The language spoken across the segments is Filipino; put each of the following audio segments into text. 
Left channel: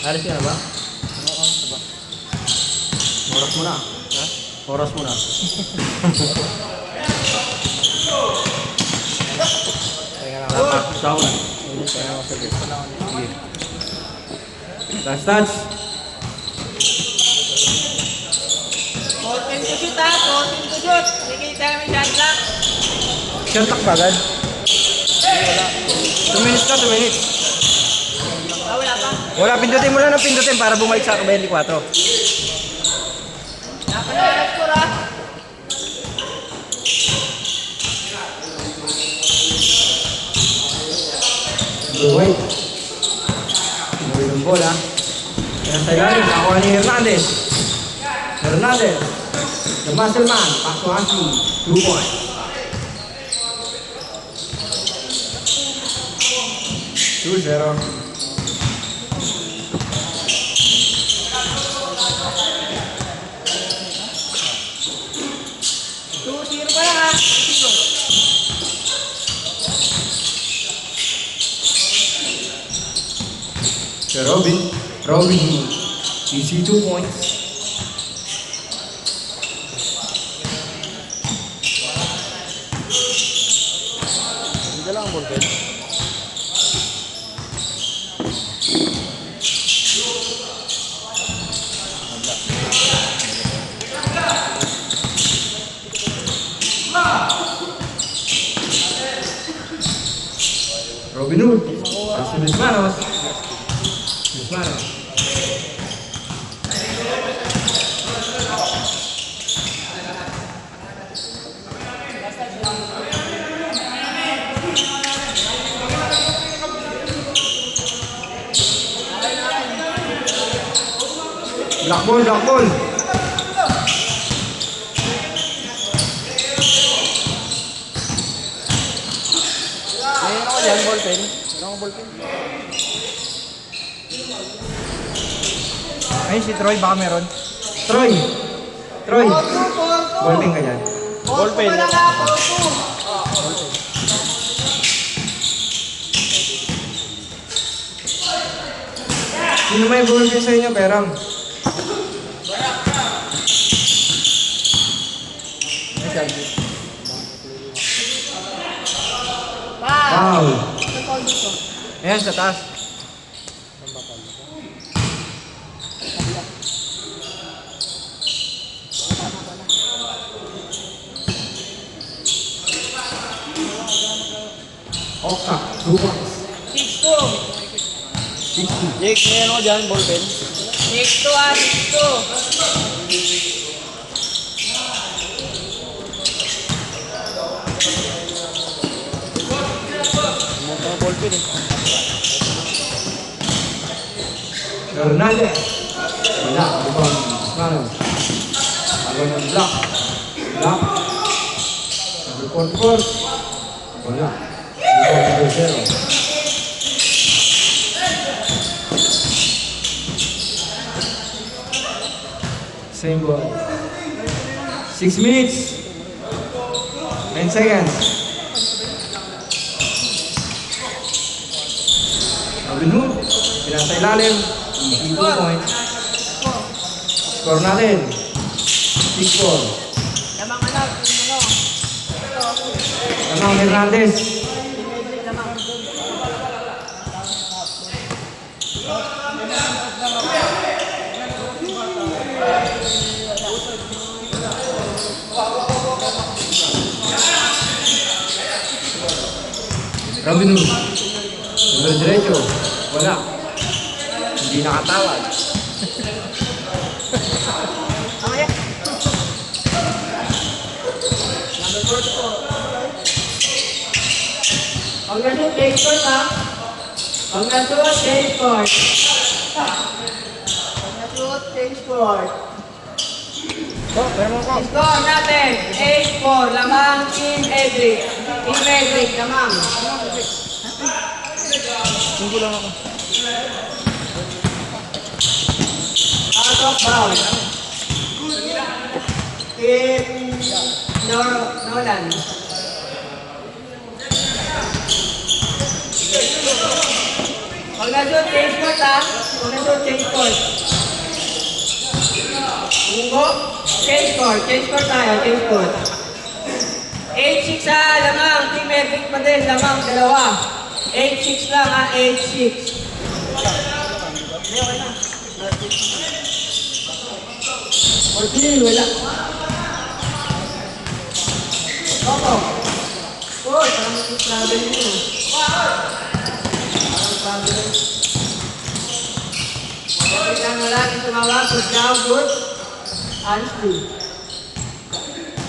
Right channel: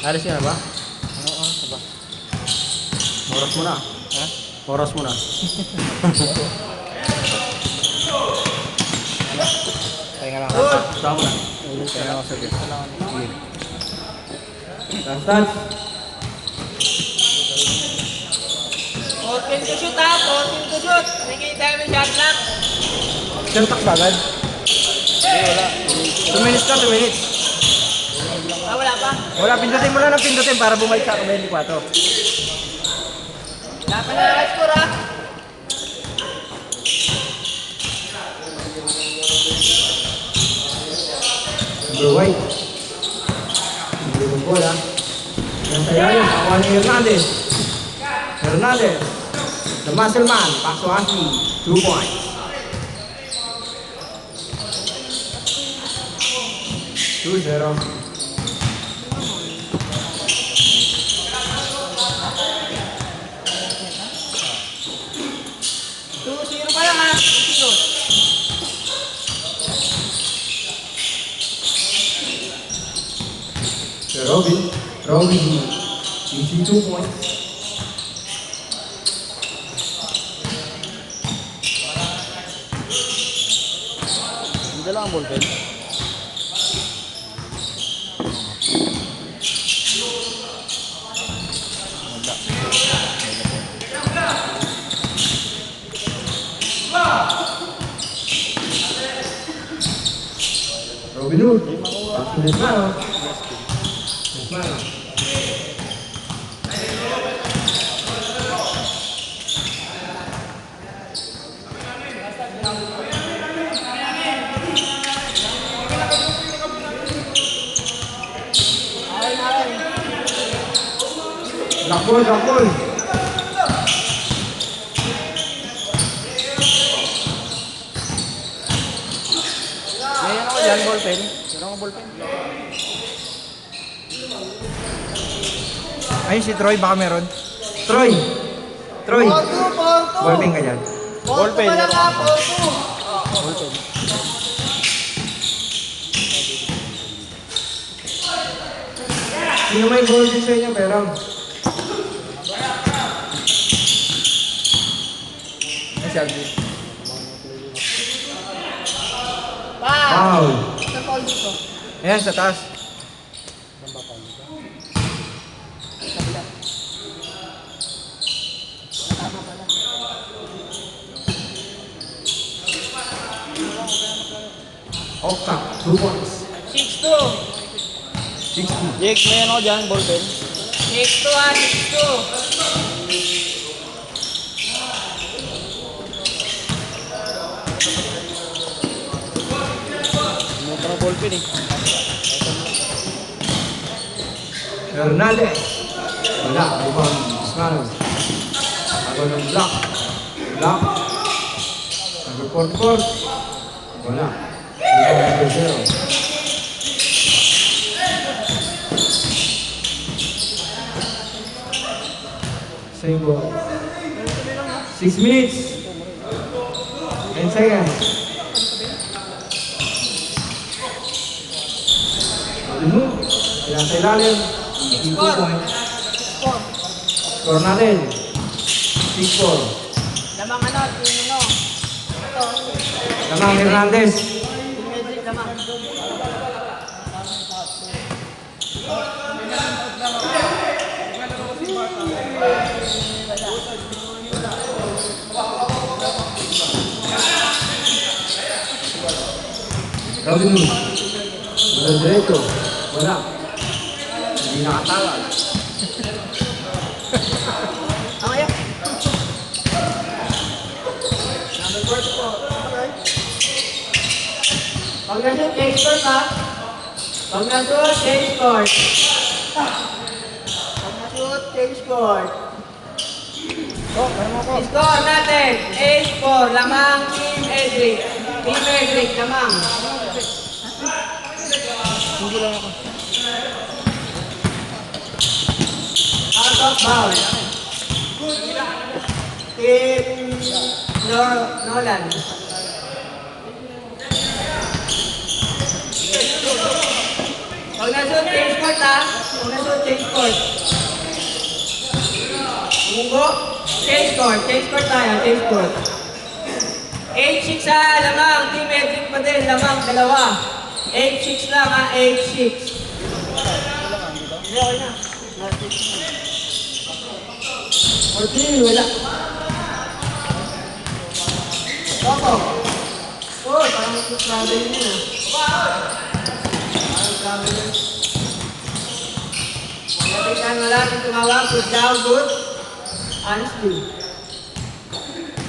Alis ka na ba? Oras mo na. Oras mo na. Kaya nga lang. Sama na. Ilis ka lang ako sa gate. Sige. Touch. Open to shoot ha, open to shoot. Sige, tayo may shot clock. Shot clock ba agad? 2 minutes na, 2 minutes. Ah, wala pa. Wala, pindutin mo lang ng pindutin para bumalik sa 24. Wala pa na score ha. Wait. Hindi yung bola. Yan tayo yun. Kuha ni Hernandez. Hernandez. The muscle man. Paksuhaki. 2 points. 2-0. Zero pa lang ha. Zero. Robin. You see 2 points. Hindi lang ang bullpen. Robin Hood. Desmanos. Black ball. Ngayon ako dyan, bullpen. Wala akong bullpen. Ay, si Troy baka meron. Troy. Ballpen ka dyan. Bullpen. Sino may ballpen sa inyo, Perang? Foul. Ayan, sa taas. Oka. 2 points. 6-2. 60. Jake, ngayon ako dyan, bullpen. 6-2 ha, 6-2. Pumunta ka bullpen eh. Hernandez. Wala. Lubang. Desmanos. Ako ng block. Court. Wala. Lubang 0. Same ball. 6 minutes. 10 seconds. Robin Hood. Ilang sa ilalim. 2 points. Score natin. 6-4. Lamang ano, Lamang Hernandez. Robin Hood. Diretso. Wala. Hindi nakatawag. Pag nandun, take court ha. Pag nandun, take court. Pag nandun, take court. Score natin, 8-4. Lamang Team Edric. Team Edric, lamang. Hindi lang ako. Out of bounds. Team Nolan. Pag nandun, take court ha. Huwag na shoot, change court. Munggo. Change court tayo, change court. 8-6 ha, lamang. Team Edric pa din, lamang, dalawa. 8-6 lang ha, 8-6. Okay, wala. Oo. Oh, parang travel mo na. Kita nga lang yung tumawag sa down good. Honestly.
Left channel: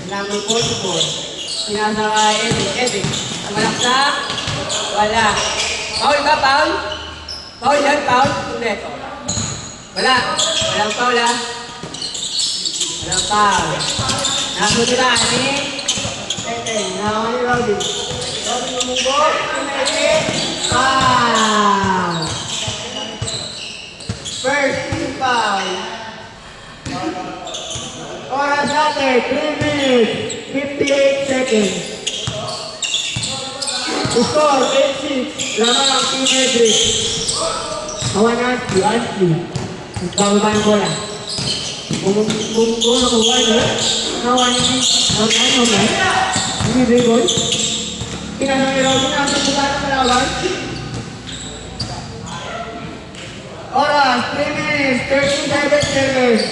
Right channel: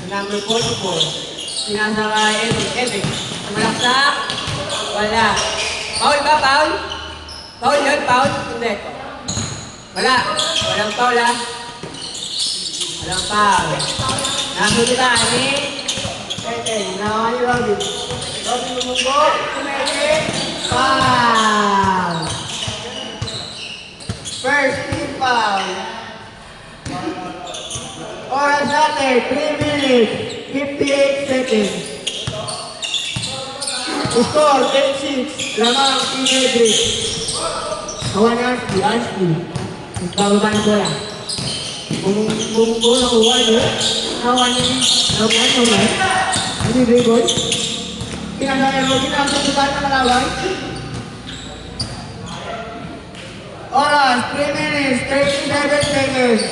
Number 44. Sinasa ka Epic. Ang malaksa. Wala. Paul ba, Paul? Paul yan, Paul? Hindi. Wala. Walang Paul, ha? Walang Paul. Nasa nila, ani? Nakakay Robin. Robin lumunggo. Foul. First team foul. Oras natin, 3 minutes, 58 seconds. Score, 8-6. Lamang, Team Edric. Kawan Ashley. Ikaw ba na bola? Bumunggo na kuha, no? Kawan naman. Hindi bigod. Pinasang Robin, ang sabutan ng malawan. Oras, 3 minutes, 37 seconds.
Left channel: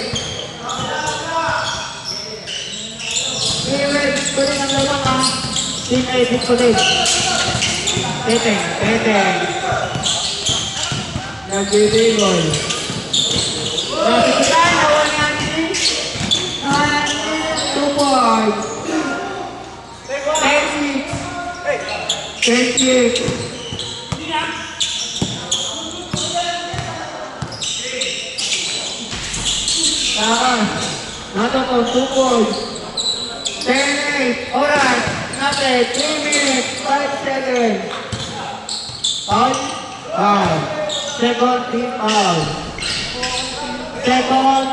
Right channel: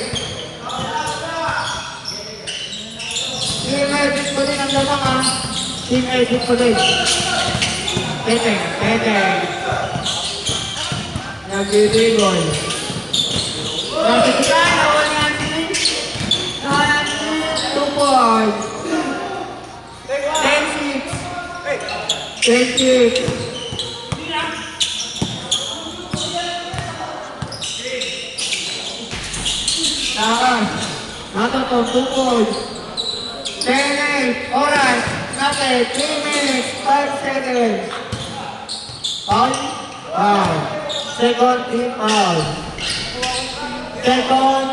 Team Edric po din ang lamang, ha? Team Edric po din. Teteng. Nagbibigoy. Nasitulan, awan natin. 2 points. 10-6. Taas. Natotong 2 points. 10-8. Oras. Natin. 3 minutes. 5 seconds. Foul. Second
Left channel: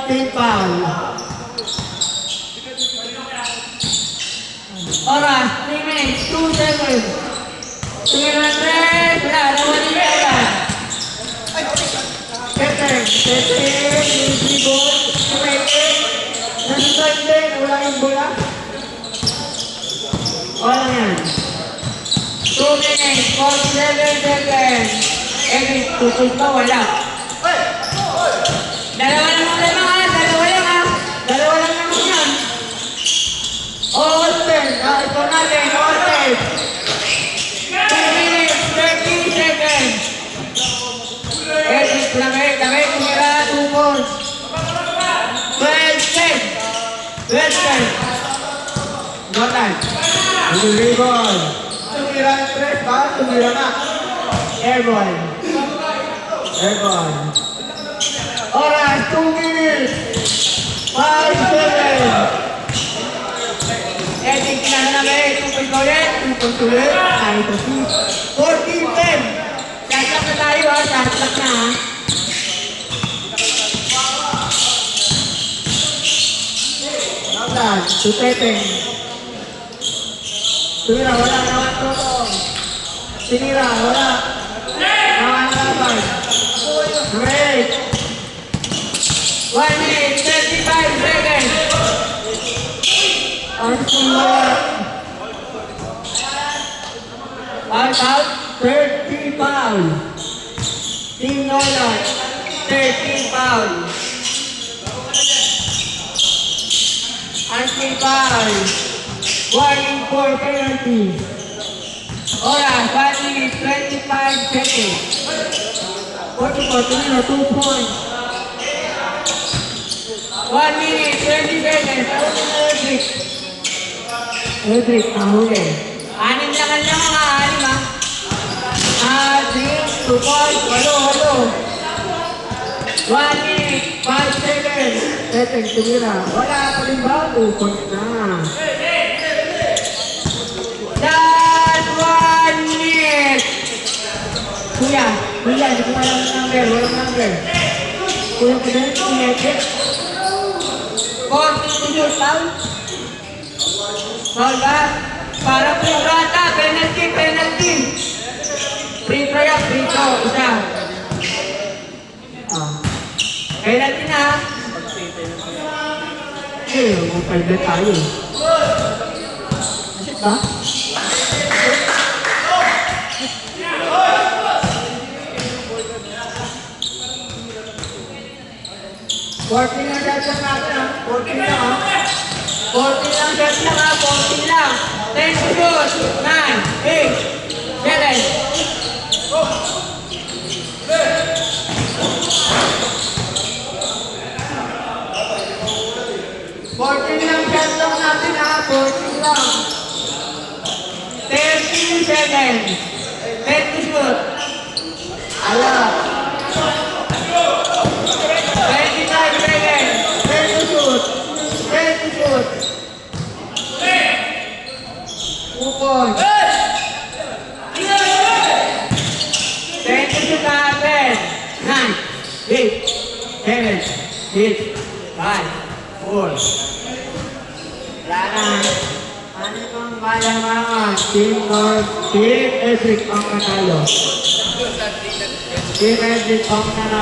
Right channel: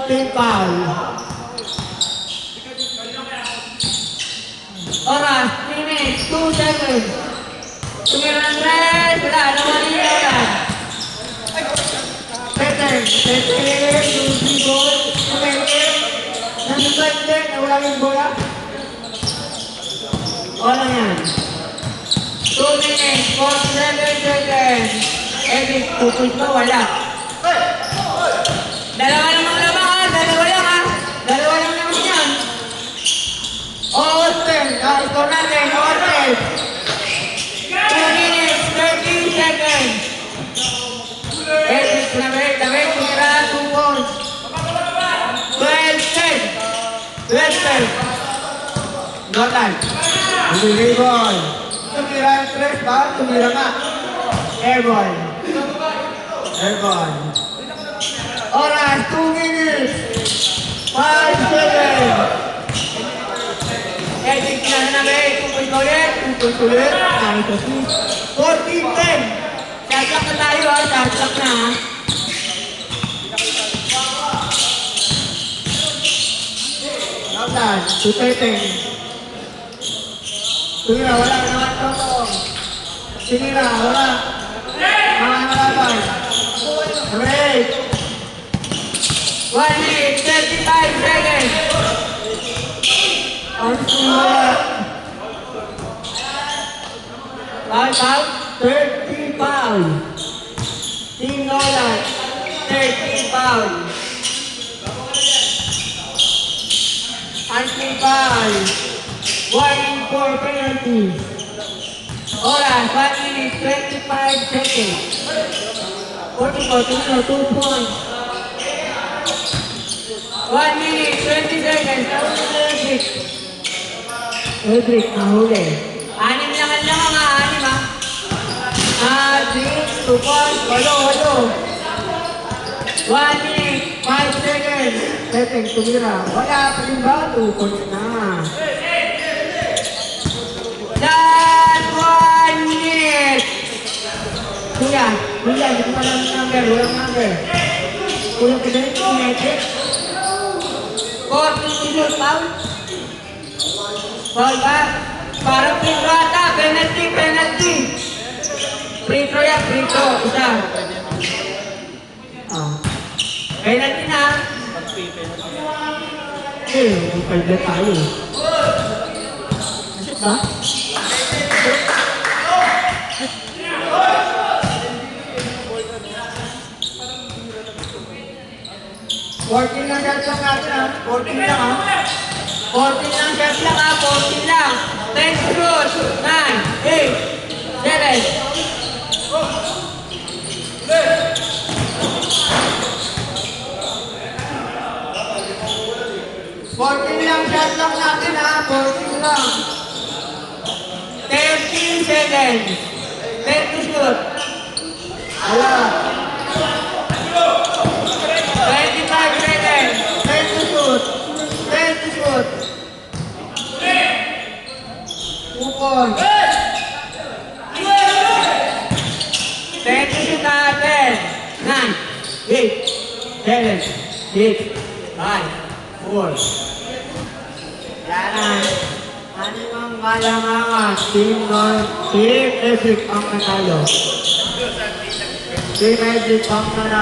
team foul. Oras. 3 minutes. 2 seconds. Tumiran rin. Wala naman yan. Teteng. Yung goal. Tumengin. Nasa side din. Nawala yung bola. Oras. 2 minutes. 47 seconds. Pupus ba? Wala. Dalawa naman lang. Dalawa lang naman yan. Open. Ito natin. Open. 2 minutes. 13 seconds. Edric lamay. Tumira. 2 points. 12-10. Jotan. Rebound. Tumira yung 3 ba? Tumira nga. Airborne. Oras, 2 minutes. 5 seconds. Edric na namin. Tutuloy. Ay, kasi. 14-10. Sasak na tayo, ha? Sasak na, ha? Jotan, Teteng. Tumira, wala naman to. Sinira, wala. Nakakalaban. Break. 1 minute, 35 seconds. Ang sumunod. Foul. 30 foul. Team Nola. 30 foul. Anti foul. 1-4 penalty. Oras, 1 minute, 25 seconds. 2 points. 1 minute, 20 seconds. Edric, mahuli. 6 lang ha, 6 ha. 2 points, halo. 1 minute, 5 seconds. Teteng, tumira. Wala pa rin ba? 2 points na. Dan 1 minute. Kuya, hindi ko alam ng number. Walang number. Kuya, pinag Edric. 42 foul. Foul ba? Para pinrata, penalty. Free throw yan, free throw. Isa. Penalty na. Mag-5 tayo. Shit ba? Working lang shot lang natin ha. 14 lang ha. 14 lang shot lang ha. 14 lang. 10 to shoot. 9, 8, 7. 14 lang shot lang natin ha. 14 lang. 13 seconds. 10 to shoot. Alam. 25 seconds. 10 to shoot. 10 to shoot. 2 points. 10 to shoot natin. 9, 8, 7, 6, 5, 4. Wala na. Ano bang malamang? Team Esik ang natalo. Team Esik ang nanalo.